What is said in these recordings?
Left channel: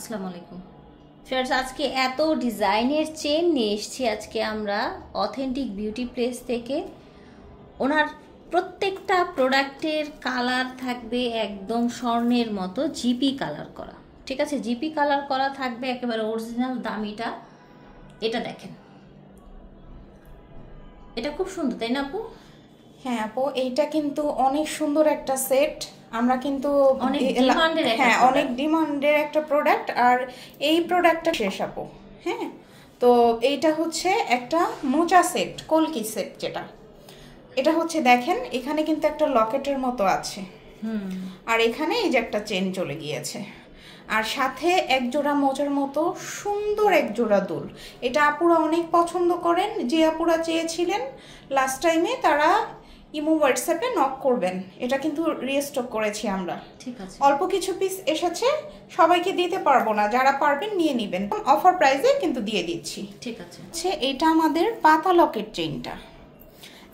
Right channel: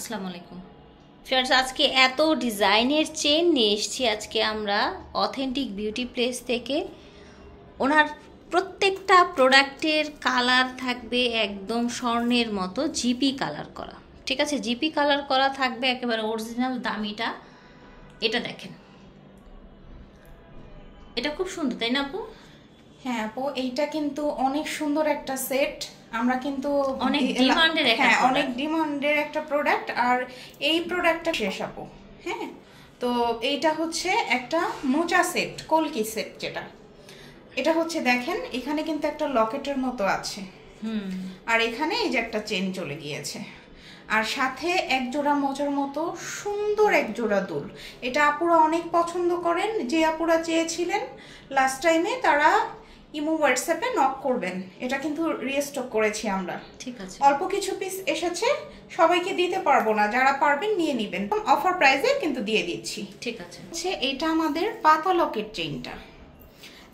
আসসালামু আলাইকুম ফ্রেন্ডস, আজকে এত ডিজাইনের চেন নিয়ে এসেছি। আজকে আমরা অথেন্টিক বিউটি প্লেস থেকে। ওনার প্রত্যেকটা প্রোডাক্টের কালার থাকবে একদম স্বর্ণের মতো জিপি কালার করা। ঠিক আছে, জিপি কালার করা থাকবে, একেবারে অরিজিনাল দামিটা। এটা দেখেন, এটা খুব সুন্দর, তাই না আপু? হ্যাঁ আপু, এইটা কিন্তু অনেক সুন্দর একটা সেট। আমরা কিন্তু অনেক ডিমান্ডের একটা প্রোডাক্ট, আর এই প্রোডাক্টটা শেষ আপু। হ্যাঁ, তো এইটা হচ্ছে একটা মোচা সেট, কলকি সেট যেটা। এটা হচ্ছে দেখেন, এখানে কিন্তু একটা লকেটের মতো আছে, আর এখানে এই যে একটা চেন চলে গিয়েছে, আর সাথে এক জোড়া মোচার মতো সুন্দর এক জোড়া দুল। এটা আপুরা অনেক পছন্দ করেন। যে আপুরা চেয়েছিলেন লাস্ট টাইমে তারা ইমো হোয়াটসঅ্যাপে নক করবেন। এটা কিন্তু রিস্টক করেছি আমরা। ঠিক আছে, অল্প কিছু পিস এসেছে, সবাইকে দিতে পারবো না, যারা পারবেন নিয়ে নেবেন। অফার প্রাইসে কিন্তু দিয়ে দিচ্ছি। ঠিক আছে। এটা আমাদের পাতা লকেট চেইনটা।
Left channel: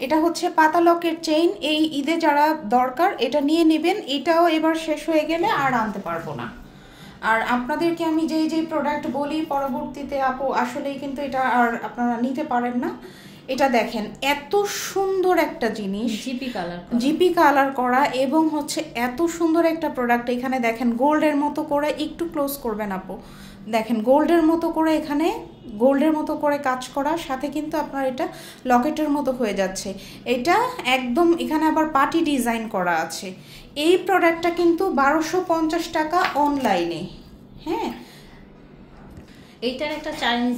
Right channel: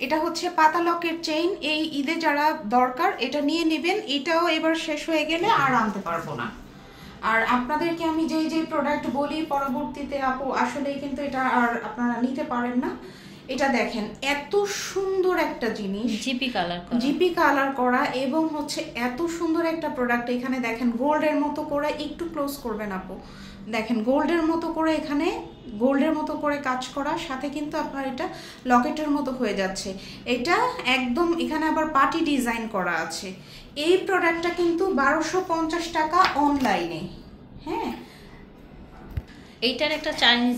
এটা হচ্ছে পাতা লকেট চেইন। এই ঈদে যারা দরকার এটা নিয়ে নেবেন। এটাও এবার শেষ হয়ে গেলে আর আনতে পারবো না। আর আপনাদেরকে আমি যে প্রোডাক্ট বলি পরবর্তীতে আপু আসলেই কিন্তু এটা আর আপনারা নিতে পারেন না। এটা দেখেন, এত সুন্দর একটা জিনিস, জিপি কালার করা, এবং হচ্ছে এত সুন্দর একটা প্রোডাক্ট। এখানে দেখেন গোল্ডের মতো করে, একটু ক্লোজ করবেন আপু, দেখেন গোল্ডের মতো করে, এখানে গোল্ডের মতো করে কাজ করা, সাথে কিন্তু আপনার এটা লকেটের মতো হয়ে যাচ্ছে। এটা একদম এখানে আবার পার্টি ডিজাইন করা আছে। এই প্রোডাক্টটা কিন্তু 1250 টাকা অনলাইনে। হ্যাঁ, এইটার একটা চাইনিজ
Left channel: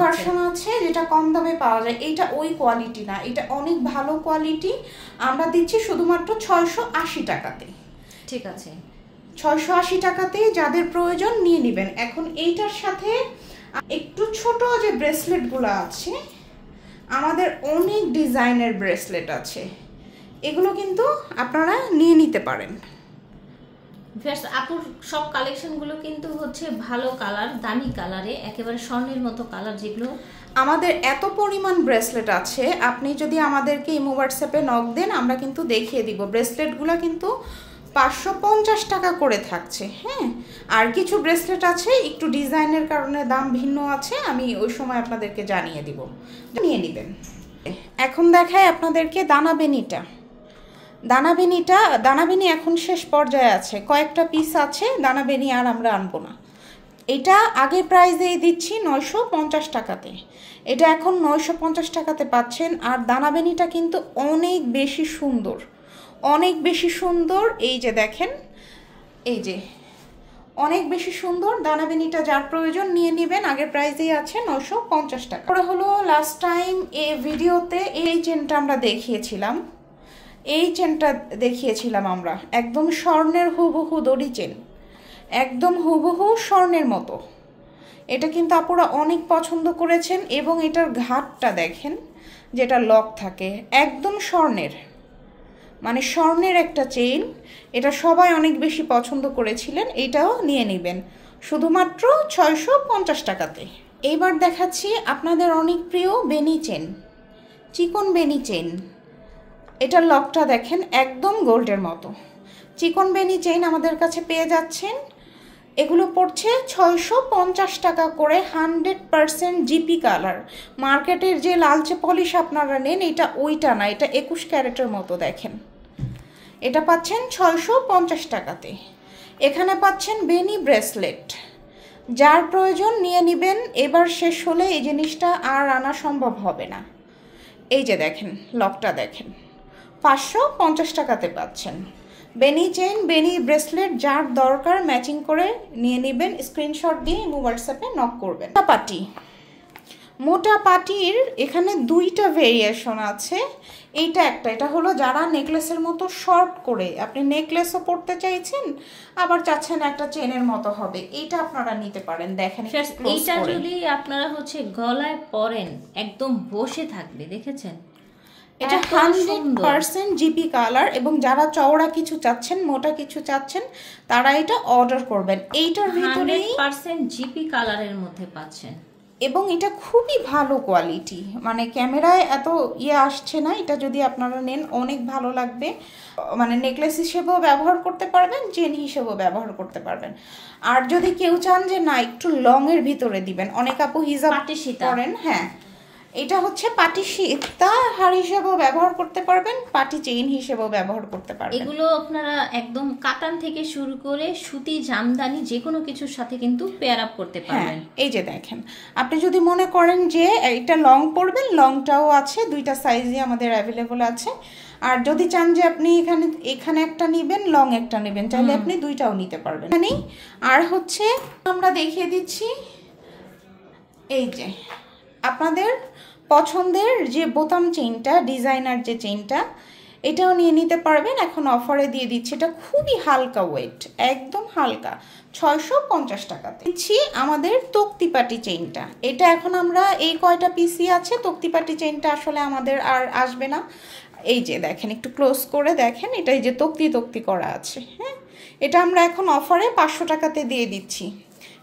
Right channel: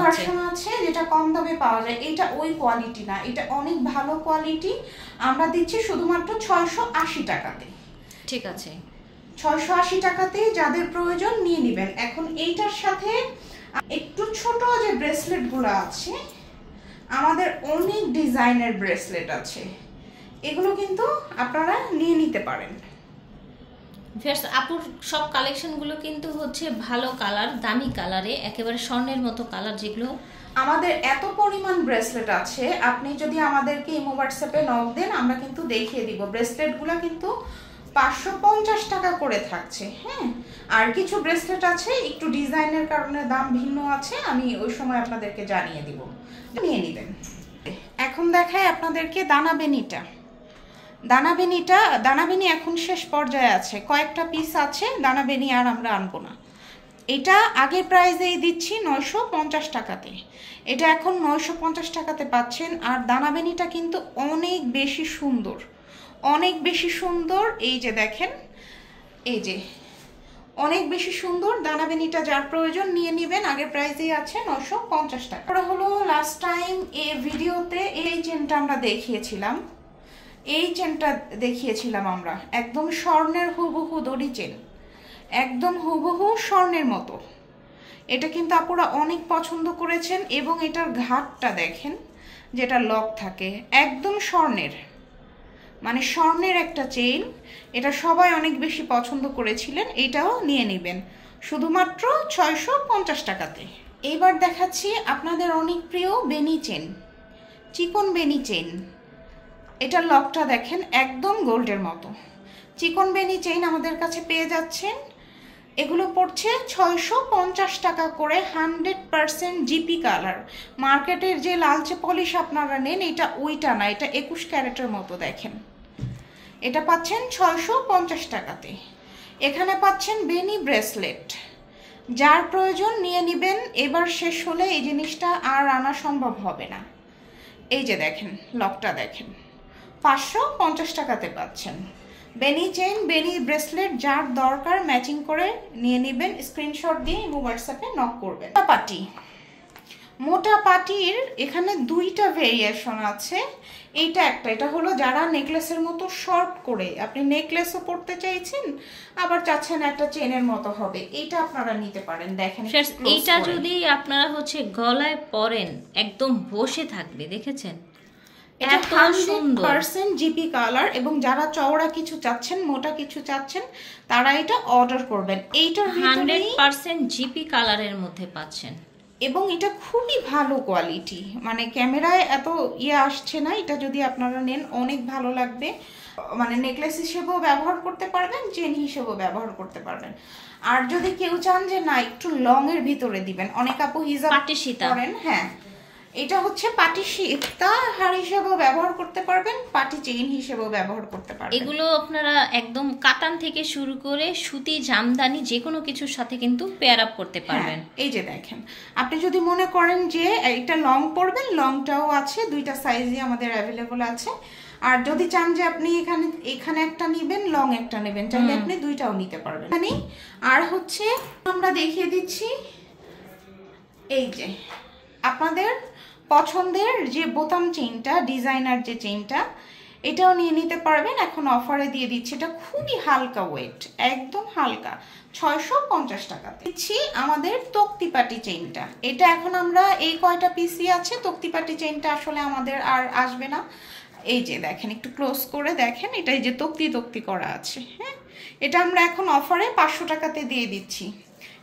ভার্সন আছে যেটা কম দামে পাওয়া যায়। এটা ওই কোয়ালিটি না, এটা অনেক ভালো কোয়ালিটি। আমরা দিচ্ছি শুধুমাত্র 680 টাকাতে। ঠিক আছে, 680 টাকাতেই যাদের প্রয়োজন নিয়ে নেবেন। এখন এইটার সাথে একটু ছোট যে ব্রেসলেট গুলো আছে, আমাদের অনেক ডিজাইনের ব্রেসলেট আছে, এগুলো কিন্তু আপনারা নিয়ে নিতে পারেন। আপুর সব কালেকশনগুলো কিন্তু হচ্ছে ভালো কালার, দামি কালারে, একেবারে স্বর্ণের মতো কালার। যেগুলো আমাদের এত পরিমাণ ব্রেসলেট আছে, আপনি যদি আমাদেরকে ইমো হোয়াটসঅ্যাপে নক দেন আমরা কিন্তু দেখিয়ে দিব। ব্রেসলেটগুলো কিন্তু 550 টাকা করে থাকছে। হ্যাঁ, আর কিছু ব্রেসলেট আছে একটু ডিজাইনের কারণে দাম ভিন্ন আছে, আমি ওই সময় আপনাদেরকে জানিয়ে দিব, নিয়ে নেবেন। এখন দেখাই আপনাদেরকে দানাবেনিটা। দানাবেনি এখন শেষ পর্যায়ে আছে, কয়েকটা পিস আছে দানাবেনি, আর আমরা আনবো না। এটা আগের প্রাইসেই দিচ্ছি 950 টাকাতে, এটা এখন 950 টাকাতে পাচ্ছেন। আর দানাবেনিটা কিন্তু অনেক বেশি সুন্দর, অনেক বেশি সুন্দর। এই যে দেখেন, এই যে অনেক বেশি সুন্দর দানাবেনিটা। যার প্রয়োজন নিয়ে নেবেন, আগের প্রাইসেই আছে 950 টাকা। পরে হলো লাস্ট টাইম এই ভিডিওতে এই চেনটা আমরা দেখিয়েছিলাম, এই চেনটা দেখিয়েছিলাম আমরা, একদম স্বর্ণের হুবহু দড়ি চেন, একদম হুবহু স্বর্ণের মতো। এটা কিন্তু আপুরা অনেক পছন্দ করেছেন, এবং এটার ঘাটটা দেখেন, যেটা লক থাকে, একদম স্বর্ণের, মানে স্বর্ণের একটা চেইন। এটা সবাই অনেক বেশি পছন্দ করেছিলেন। এটাও নিয়ে নেবেন শুধুমাত্র 650 টাকাতে। এইবার দেখাচ্ছি আপনাদের অনেক প্রিয় বেনি চেন, চিকন বেনি চেন। এটার লকটা দেখেন, একদম গোল্ডের মতো। চিকন বেনি চেইন আমাদের কাছে পেয়ে যাচ্ছেন। এগুলো পড়ছে 650 টাকা করে, 100% জিপি কালার। মার্কেটের যে লালচে পলিশ আপনারা নেন, এটা ওইটা না, এটা 21 ক্যারেটের মতো। দেখেন, এটা পাচ্ছেন 650 টাকাতে। এখানে পাচ্ছেন বেনি ব্রেসলেট, যার প্রয়োজন নিয়ে নেবেন। এবার শেষ হলে এই জিনিসটা আর আনা সম্ভব হবে না। এই যে দেখেন লকটা, দেখেন 550 টাকাতে পাচ্ছেন। বেনি চেইন, বেনি ব্রেসলেট, যার দরকার ম্যাচিং করে নিয়ে নেবেন। স্ক্রিনশট দিয়ে হোয়াটসঅ্যাপে নক করবেন। মোটা পাটির এখানে দুইটা ভেরিয়েশন আছে। এইটা একটা, এটা হলো যারা নেকলেসের মতো শর্ট করে, আপনি নেকলেসও পরতে চাইছেন, আবার চাচ্ছেন একটা চেনের মতো হবে, এটা আপনারা নিতে পারেন। দেখেন, এইটা যদি আপনারা হচ্ছে গলায় পরেন, একদম বসে থাকবে। দেখেছেন, এত সুন্দর 100% জিপি কালার। এবং যারা চওড়া কিছু চাচ্ছেন, মোটা কিছু চাচ্ছেন, তারা এটা অর্ডার করবেন। এইটার ভিতরে 100% জিপি কালারের মধ্যে পাচ্ছেন। এবং এটা খুবই ভালো কোয়ালিটি, মানে ক্যামেরায় এত আসছে না। এটা যদি আপনারা নেন অনেক ভালো লাগবে, মানে নেকলেস হিসেবেও ব্যবহার করতে পারবেন, চেন হিসেবেও ব্যবহার করতে পারবেন। আর যদি কেউ চান যে না একটু লং এর ভিতরে দিবেন, অনেক আপু হিজাব করেন, হ্যাঁ এটা হচ্ছে পাটি সীতা হার হিসেবেও ব্যবহার করতে পারবেন, পাটি চেইন হিসেবেও ব্যবহার করতে পারবেন। এগুলো আপনারা একদম কাতান থেকে শুরু করে সুতি, জামদানি যে কোনো কিছুর সাথে কিন্তু পেয়ার আপ করতে পারবেন। এই যে দেখেন, আপনি যদি মনে করেন যে এটা লং পরবেন, লংটাও আছে, দুইটা সাইজই আমাদের অ্যাভেলেবল আছে। আর যদি চান যে আপনি এখানে একটা নেবেন, লং একটা নেবেন, চাইলে আপনি দুইটাও নিতে পারবেন। আর হচ্ছে আমরা দেখিয়ে দিচ্ছি, এই যে আপনাদের পছন্দের যে বোতাম চেইনটা, ডিজাইনার যে চেইনটা, এটাও নিয়ে নিতে পারবেন। এখন অফারে দিয়ে দিচ্ছি, এটা খুবই হালকা ওয়েট, একদম হালকা, 650 টাকাতে দিচ্ছি আমাদের তক্তিপাটি চেইনটা। এটা এখন আমরা এই কয়টা পিসি আছে, তক্তিপাটি চেইনটা আসলে আমাদের আর আসবে না। এই যে দেখেন, একটু ক্লোজ করে দেখেন, এটা এই যে তক্তি করা আছে, হ্যাঁ এটা আমরা এখন অফারে 500 টাকাতে দিয়ে দিচ্ছি।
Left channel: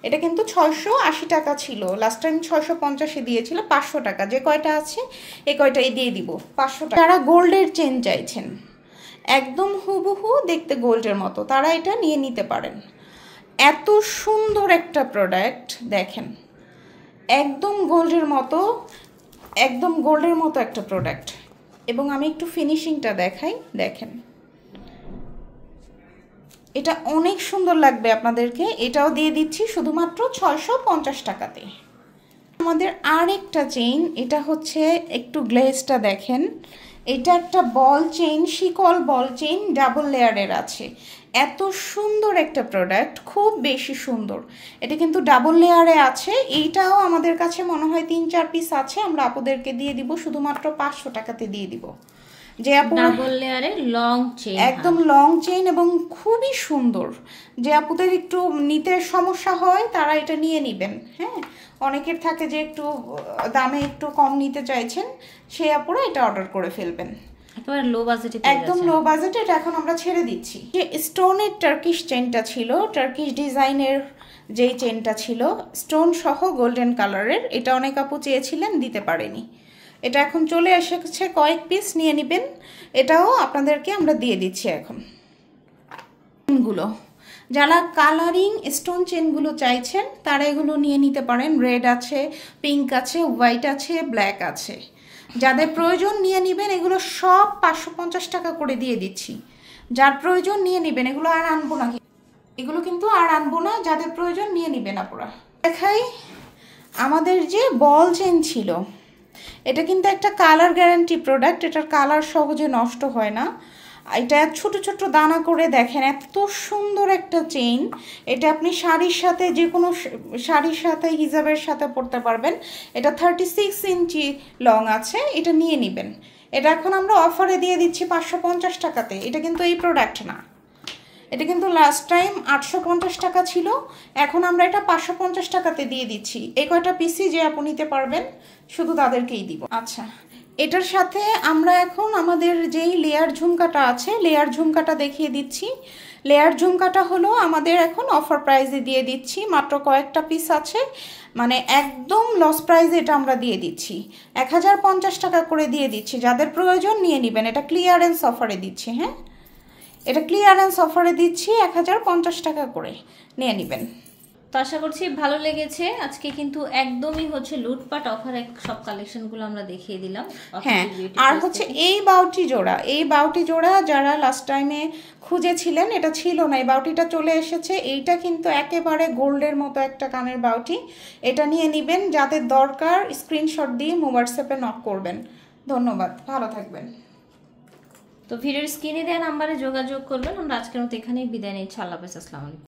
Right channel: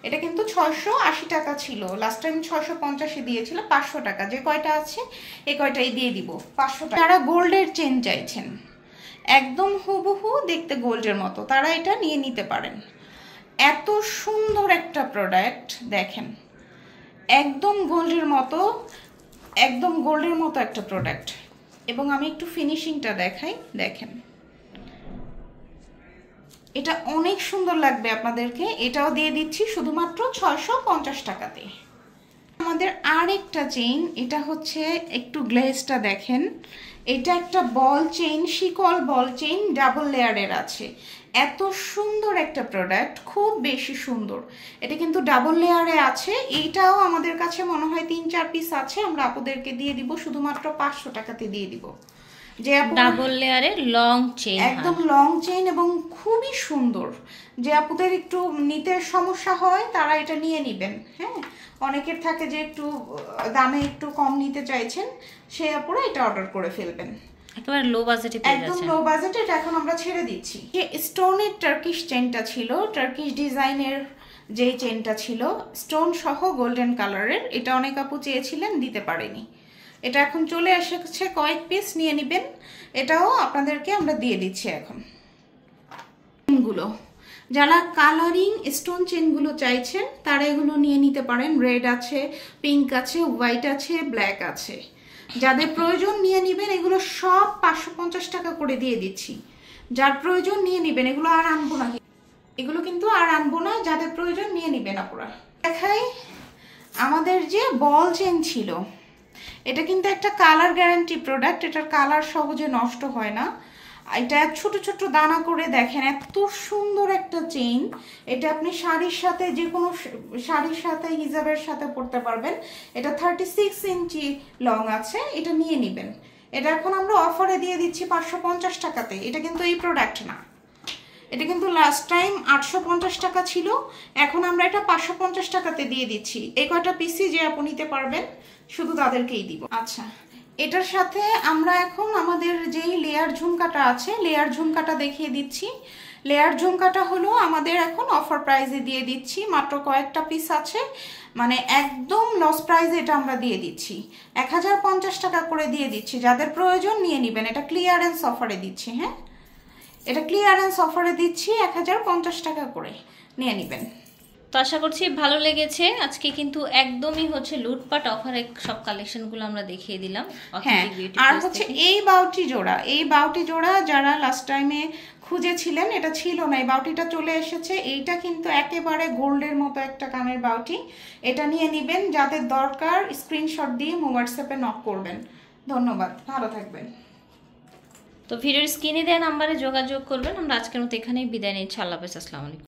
এটা কিন্তু 680 টাকা ছিল, লাস্ট টাইম 650 দিয়েছিল, 500 টাকা যে কয়টা আছে এই কয়টাই দিয়ে দিব 500 টাকা। যারা গোল্ডের চেন চাইছেন একদম হুবহু দেখতে গোল্ডের মতো, তারা এটা নিয়ে নিতে পারেন। এত সুন্দর একটা প্রোডাক্ট দেখেন, একদম গোল্ডের মতো, একদম গোল্ডের মতো একটা প্রোডাক্ট। এবং আমি একটু ফিনিশিংটা দেখাই, দেখেন এটা অনেক সুন্দর লাগবে আপনাদেরকে। এটাও দিয়ে দিচ্ছি শুধুমাত্র 650 টাকাতে। আমাদের আরেকটা চেইন, এটা হচ্ছে একটু গ্লেজটা দেখেন, এটা একটা বল চেইন, শিকল বল চেইন, ডাবল লেয়ারের আছে। এত সুন্দর একটা প্রোডাক্ট, খুব বেশি সুন্দর। এটা কিন্তু ডাবল লেয়ারে আছে। এইটাও আমাদের কাছে মনে হয় 3-4 পিস আছে, আমরা আপুদেরকে দিয়ে দিব শুধুমাত্র 500 টাকাতে দিয়ে দিব। যে ডাবল লেয়ারের লং চেইন, একদম লং চেইন এবং খুবই সুন্দর। যে আপুদের একটু নিতে সমস্যা হয় তারা এটা নিয়ে নেবেন। হ্যাঁ, অনেকের থাকে যে একটু দামে একটু কম নিতে চাইছেন, সে আপুরা এটা অর্ডার করে ফেলবেন। একেবারে লো বাজেটে, একদম লো বাজেটে এটা এখন আমরা ছেড়ে দিচ্ছি। যে স্টোনের টার্কিশ চেইনটা ছিল, টার্কিশ ডিজাইনের যেই চেইনটা ছিল স্টোন সহ গোল্ডেন কালারের, এটা অনেক আপু চেয়েছিলেন, দিতে পারেনি। এটা এখন চলে এসেছে, কয়েক পিস নিয়ে নেবেন। এটাও আপনাদেরকে আমরা দিয়ে দিচ্ছি এখন। চেনগুলো যারা কালারিং স্টোন চেনগুলো চাইছেন তারা এগুলো নিয়ে নিতে পারেন। রেড আছে, পিঙ্ক আছে, হোয়াইট আছে, ব্ল্যাক আছে। যাদের প্রয়োজন নিয়ে নেবেন। এগুলো সব 550 টাকা করে দিয়ে দিচ্ছি। যার প্রয়োজন নিয়ে নেবেন, এগুলো আর আনবো না, এগুলো কিন্তু আর আনবো না। যাদের প্রয়োজন নিয়ে নেবেন আপনারা। দেখাই আমাদের যে বল চেন ছিল, এটা কিন্তু একটা কালার গ্যারান্টি প্রোডাক্ট, এটার কালার সহজে নষ্ট হয় না। এটা ছোট ছোট দানা করে দেখেন, এত সুন্দর একটা চেইন। এটা আপনি শাড়ির সাথে, যে কোনো শাড়ির সাথে, হিজাবের সাথে পরতে পারবেন। এটা 36 ইঞ্চি লং আছে, এটা নিয়ে নেবেন। এটা এখন আমরা অফারে দিয়ে দিচ্ছি 550 টাকাতে। এটা কিন্তু এই প্রোডাক্ট না, এটা কিন্তু লাস্ট টাইম 850 টাকা ছিল, এখন আমরা এটা 550 টাকাতে দিয়ে দিচ্ছি। এই কয়টা পিসি যে আপনি নিতে পারবেন শুধু তাদেরকেই দিব। আচ্ছা, এটার সাথে আমরা এখন আমাদের যেই লেয়ার ঝুমকাটা আছে, লেয়ার ঝুমকাটা দেখিয়ে দিচ্ছি। লেয়ার ঝুমকাটা হলো আমাদের এখন অফার প্রাইসে দিয়ে দিচ্ছি, মাত্র কয়েকটা পিস আছে, মানে একদম লস প্রাইসে এটা আমরা দিয়ে দিচ্ছি। 1050 টাকা করে দিয়ে দিচ্ছি। যাদের প্রয়োজন নিয়ে নেবেন। এটা ক্লিয়ারেন্স অফারে দিচ্ছি। হ্যাঁ, এটা ক্লিয়ারেন্স অফারে দিচ্ছি, 1050 টাকা করে নিয়ে নেবেন। তো আশা করছি ভালো লেগেছে। আজকে কিন্তু একদমই হচ্ছে লুটপাট অফারে সব কালেকশনগুলো আমরা দেখিয়ে দিলাম। হ্যাঁ, আর হচ্ছে এই বাউটি জোড়া, এই বাউটি জোড়া যারা লাস্ট টাইমে খুঁজেছিলেন, এটা ছিল না, এই বাউটিটা চলে এসেছে। এইটা কিন্তু একেবারে গোল্ডের মতো একটা কানের বাউটি। এটা নিয়ে নেবেন। যাদের দরকার স্ক্রিনশট দিয়ে হোয়াটসঅ্যাপে নক করবেন। ধন্যবাদ, ভালো থাকবেন। তো ভিডিওর স্ক্রিনে দেওয়া নাম্বারে যোগাযোগ করবেন। আমরা আজকের মতো এখানেই বিদায় নিচ্ছি। আল্লাহ হাফেজ, আসসালামু আলাইকুম।